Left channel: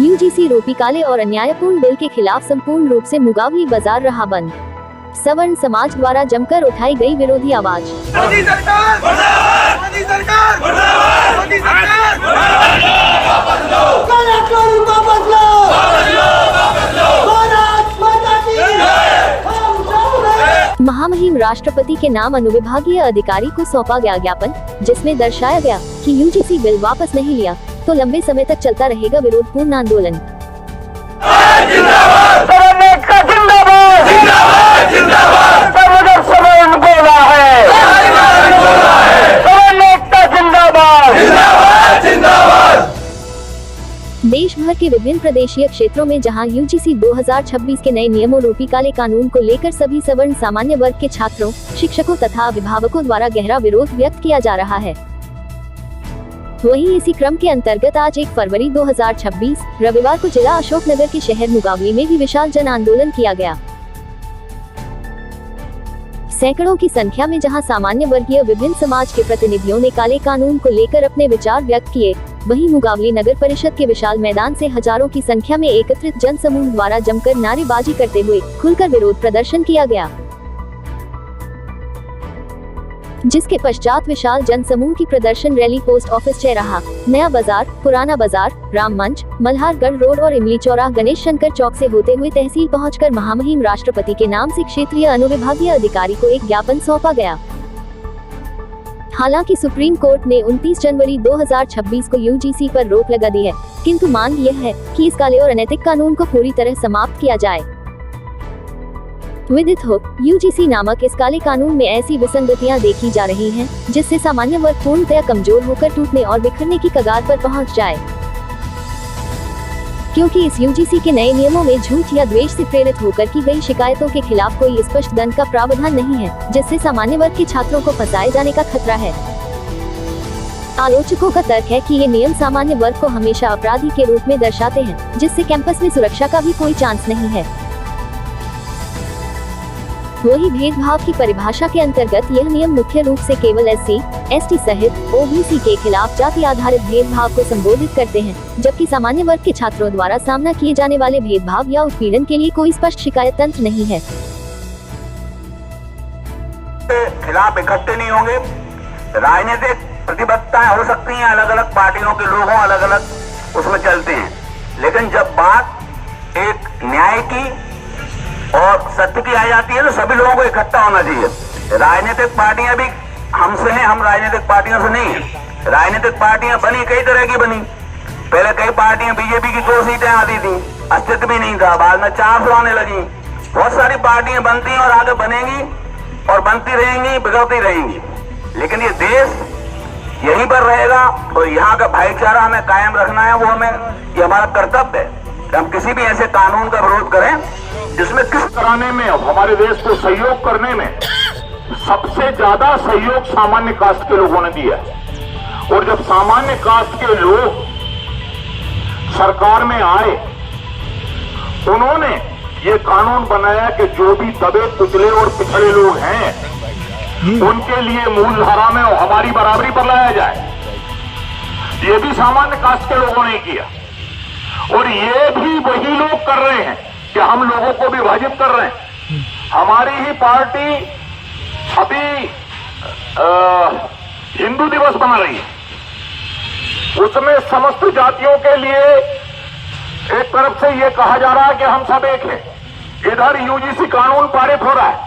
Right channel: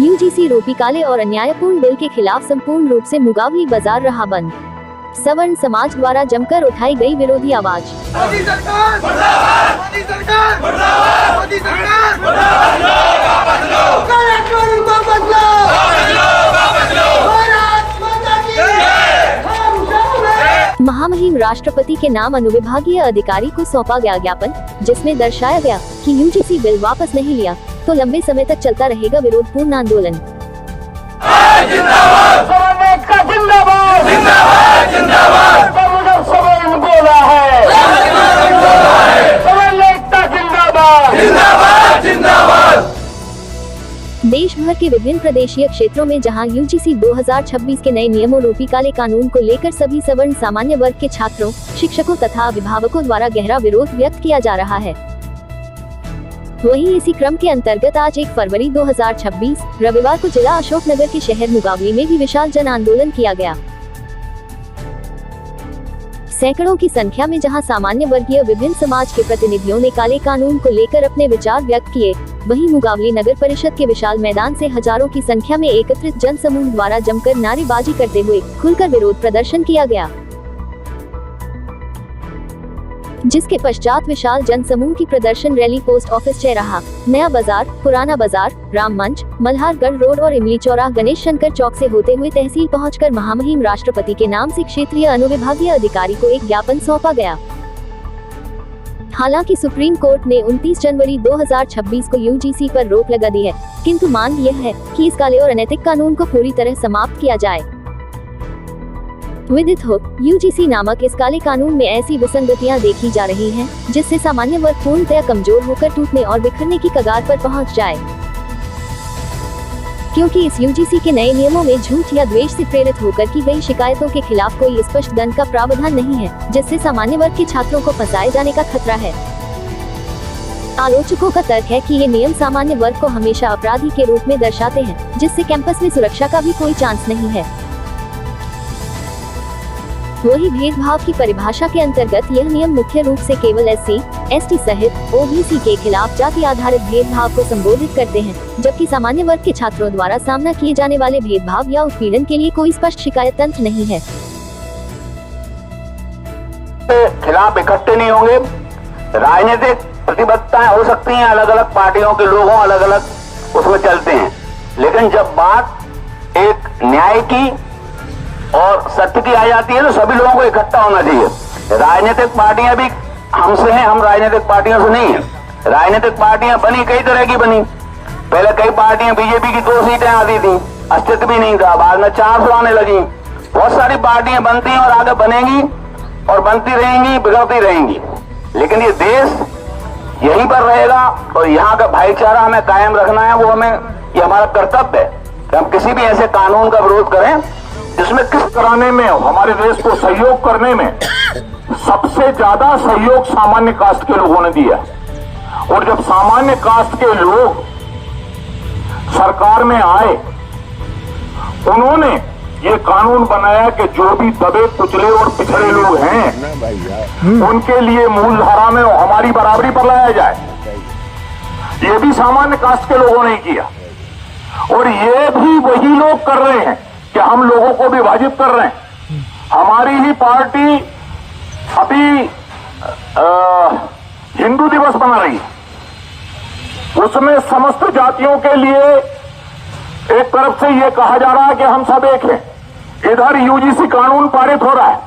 UGC रोपी काले और अन्यायपूर्ण बिल के खिलाफ संपूर्ण रूप से मुगावली बाजार रहा बंद। सवर्ण समाज द्वारा जमकर उठाई गई विरोधी आवाज। मोदी सरकार मुर्दाबाद, मोदी सरकार मुर्दाबाद, मोदी सरकार मुर्दाबाद, वापस लो, वापस लो, वापस लो, भारत माता की जय। महामहिम राष्ट्रपति के नाम अनुविभागीय अधिकारी को सौंपा गया ज्ञापन, जिसमें दर्शाया गया कि यूजीसी बिल वापस नहीं लिया तो लंबे समय तक चलता रहेगा विरोधपूर्ण आंदोलन। देश भर के विभिन्न प्रदेशीय क्षेत्रों में जहां यूजीसी 2026 के नए नियमों रूपी काले कानून को लेकर सभी सवर्ण सामान्य वर्ग के छात्रों, शिक्षकों तथा अभिभावकों द्वारा गहरा विरोध व्यक्त किया जा रहा है, वहीं इसी क्रम के अंतर्गत आज 1 फरवरी 2026 रविवार को जिला अशोकनगर के शहर मुगावली में भी विशाल जन आंदोलन किया गया। सैकड़ों की संख्या में जहां सामान्य वर्गीय विभिन्न समाज के प्रतिनिधियों ने काले कानून को लेकर अपने विचार व्यक्त किए, वहीं मुगावली नगर परिषद के विशाल मैदान से हजारों की संख्या में एकत्रित जन समूह द्वारा जमकर नारेबाजी करते हुए खुलकर विरोध प्रदर्शन किया गया, जिसके पश्चात विशाल जन समूह की प्रदर्शन रैली पोस्ट ऑफिस चौराहा, नया बाजार, पुराना बाजार, राम मंच, मल्हारगढ़ रोड और इमली चौराहा गणेश शंकर चौक से होते हुए तहसील पहुंचकर महामहिम राष्ट्रपति के नाम से क्षेत्रीय अनुविभागीय अधिकारी को एक ज्ञापन सौंपा गया। हालांकि सुप्रीम कोर्ट ने 29 जनवरी 2026 को यूजीसी पर रोक लगा दी है, किंतु मांग यह है कि इस काले और अनैतिक कानून को पूरी तरह समाप्त किया जाए। विदित हो, यूजीसी नामक इस काले कानून में ऐसी विसंगतियां देखी जा रही हैं, जिससे सामान्य वर्ग पूर्णतया कमजोर होकर टूटने और बिखरने की कगार पर पहुंच जाए, क्योंकि इस यूजीसी के नए नियमों में झूठ या द्वेष से प्रेरित होकर की गई शिकायतों के खिलाफ कोई स्पष्ट दंड का प्रावधान नहीं है, जिससे सामान्य वर्ग के छात्रों को फंसाए जाने का खतरा है। आलोचकों का तर्क है कि ये नियम सामान्य वर्ग को हमेशा अपराधी के रूप में दर्शाते हैं, जिससे कैंपस में सुरक्षा का भी कोई चांस नहीं है। वही भेदभाव की परिभाषा के अंतर्गत यह नियम मुख्य रूप से केवल एससी, एसटी सहित ओबीसी के खिलाफ जाति आधारित भेदभाव को संबोधित करते हैं, जबकि सामान्य वर्ग के छात्रों द्वारा सामना किए जाने वाले भेदभाव या उत्पीड़न के लिए कोई स्पष्ट शिकायत तंत्र नहीं है। खिलाफ इकट्ठे नहीं होंगे, राजनीतिक प्रतिबद्धताएं हो सकती हैं, अलग अलग पार्टियों के लोग अलग अलग उसमें चलते हैं, लेकिन जब बात एक न्याय की और सत्य की आ जाती है तो सभी लोगों को इकट्ठा होना चाहिए। राजनीतिक पार्टियां भी हमसे हैं, हम राजनीतिक पार्टियों से नहीं हैं। राजनीतिक पार्टियां बनी कई तरह की बनी, पहले कई पार्टियां बीजेपी की 2 सीटें आती थी, अस्तित्व भी नहीं था, बाद में 400 आने लगी। बहुत सारी पार्टियां बनती हैं और आगे बनेंगी और बनती रहेंगी, बिगड़ती रहेंगी, लेकिन ये देश यहीं पर रहेगा और यहाँ का भाईचारा हमें कायम रखना है, वो हमें, ये हमारा कर्तव्य है। हम किसी भी ऐसे कानून का विरोध करें जिसमें किस कराने में, हमारे देश को सहयोग करने में सबसे ज्यादा सहयोग सामान्य कास्ट के लोगों ने दिया, और जब सामान्य कास्ट के लोग सरकार में आए, उन्होंने ये कानून बनाया कि जो भी दबे कुचले और पिछड़े लोग हैं उनके लिए मूलधारा में हमारी बराबरी पर लाया जाए। ये भी सामान्य कास्ट के लोगों ने किया, और ये भी वही लोग कर रहे हैं कि हम लोगों को विभाजित कर रहे हैं। हमारी ही पार्टी अभी हिंदू दिवस बना रही है, उसमें समस्त जातियों के लिए एक तरफ से ये कहा जा रहा है कि हम सब एक हैं, इधर यूजीसी कानून पारित हो रहा है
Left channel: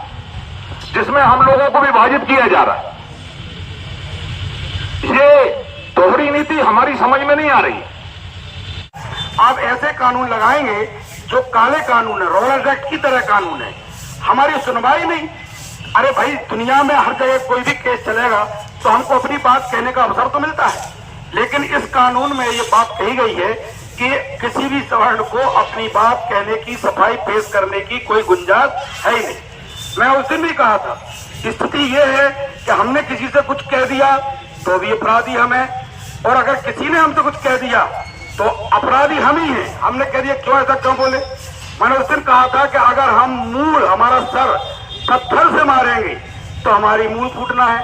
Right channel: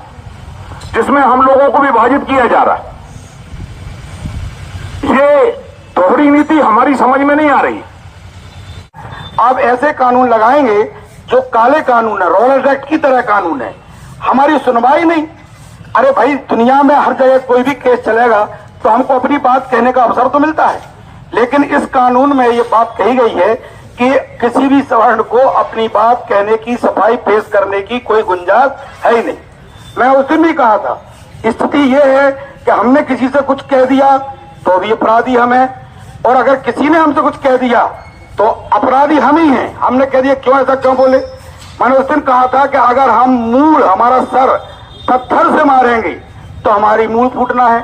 जिसमें हम लोगों को विभाजित किया जा रहा है। ये दोहरी नीति हमारी समझ में नहीं आ रही। आप ऐसे कानून लगाएंगे जो काले कानून है, रॉलेट एक्ट की तरह कानून है, हमारी सुनवाई नहीं। अरे भाई, दुनिया में हर जगह कोई भी केस चलेगा तो हमको अपनी बात कहने का अवसर तो मिलता है, लेकिन इस कानून में ये बात कही गई है कि किसी भी सवर्ण को अपनी बात कहने की, सफाई पेश करने की कोई गुंजाइश है ही नहीं। मैं उस दिन भी कहा था, स्थिति ये है कि हमने किसी से कुछ कह दिया तो भी अपराधी हम हैं, और अगर किसी ने हमसे कुछ कह दिया तो अपराधी हम ही हैं। हमने कह दिया, क्यों ऐसा क्यों बोले? मैंने उस दिन कहा था कि अगर हम मूल, हमारा सर पत्थर से मारेंगे तो हमारी मूल फूटना है,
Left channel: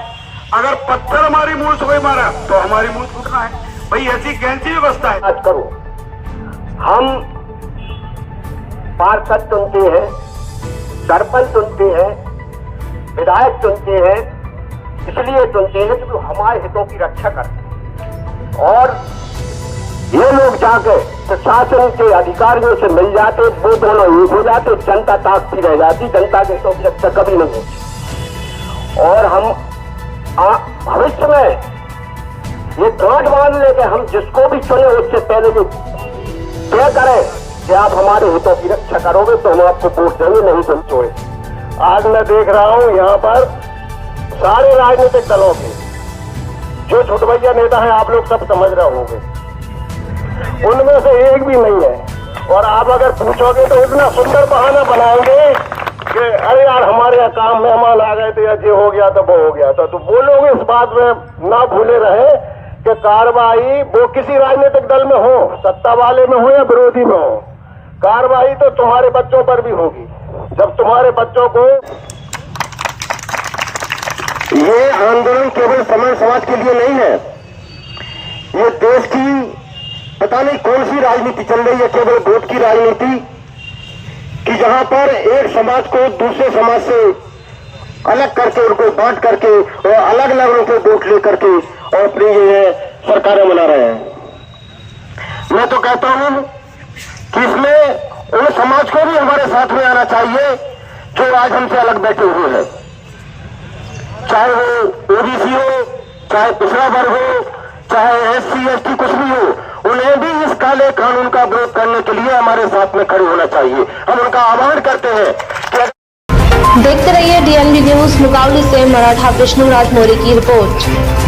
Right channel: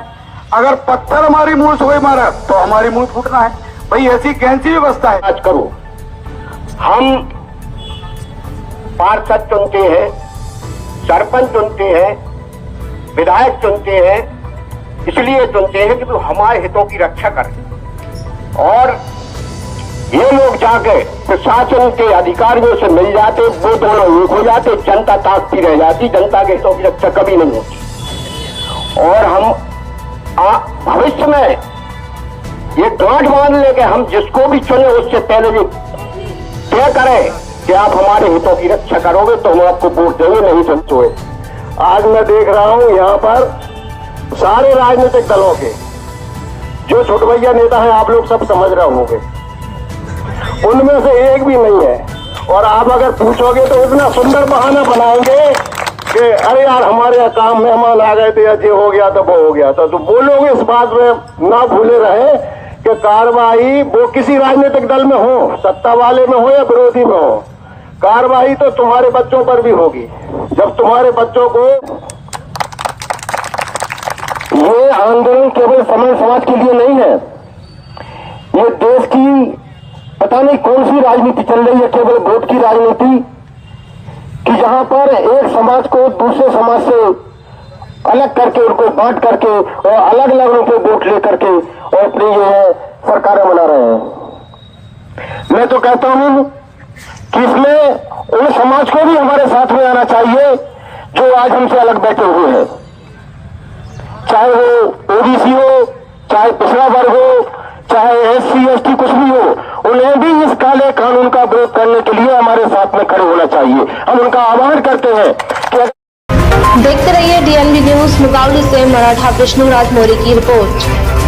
अगर पत्थर हमारी मूल से कोई मारा तो हमारी मूल फूटना है। भाई ऐसी कैसी व्यवस्था है? करो हम पार्षद चुनते हैं, सरपंच चुनते हैं, विधायक चुनते हैं, इसलिए चुनते हैं कि वो हमारे हितों की रक्षा करें। और ये लोग जाके प्रशासन के अधिकारियों से मिल जाते, वो दोनों एक हो जाते, जनता ताकती रह जाती, जनता के हितों की रक्षा कभी नहीं होती। और हम भविष्य में ये गांठ बांध लेके हम जिसको भी चुने उससे पहले ये तय करें कि आप हमारे हितों की रक्षा करोगे तो हम आपको वोट देंगे, नहीं समझोगे। आज मैं देख रहा हूं यहाँ पर सारे राजनीतिक दलों के जो छोटभैया नेता हैं, आप लोग सब समझ रहे होंगे, उनमें से एक भी नहीं है। और आप अगर पूछोगे तो इतना सुंदर बहाना बनाओगे कि अरे यार हमारे काम मेहमान आ गए थे, या ये हो गया तो वो हो गया था। तो वो लोग इस बात में ना भूले रहे कि कार्रवाई वो किसी राजनीतिक दल में हो, सत्ता वाले में हो या विरोधी में हो, कार्रवाई तो तुम्हारे बच्चों पर भी होगी। जब तुम्हारे बच्चों को ये आंदोलन केवल समाज के लिए नहीं है, ये देश की पता नहीं कौन सी राजनीति चल रही है, केवल वोट की राजनीति, कि जहां पर एक समाज को दूसरे समाज से अलग करके, उनको बांट करके और अलग अलग उनके वोट लेकर के और अपनी जो है सरकारें बना रहे हैं। मैं तो कहता हूं कि इसमें उन समाज को भी हमारे साथ में आना चाहिए जो आज हमसे अलग बैठे हुए हैं, चाहे वो ओबीसी हो, चाहे पिछड़ा वर्ग हो, चाहे एससी एसटी कुछ भी हो, उन्हें भी इस काले कानून का विरोध करने के लिए हमारे साथ में खड़े होना चाहिए। हम उनका आह्वान करते हैं कि देखते रहिए DNB न्यूज। मुकाबले से मराठा विष्णुराज मौर्य की रिपोर्ट।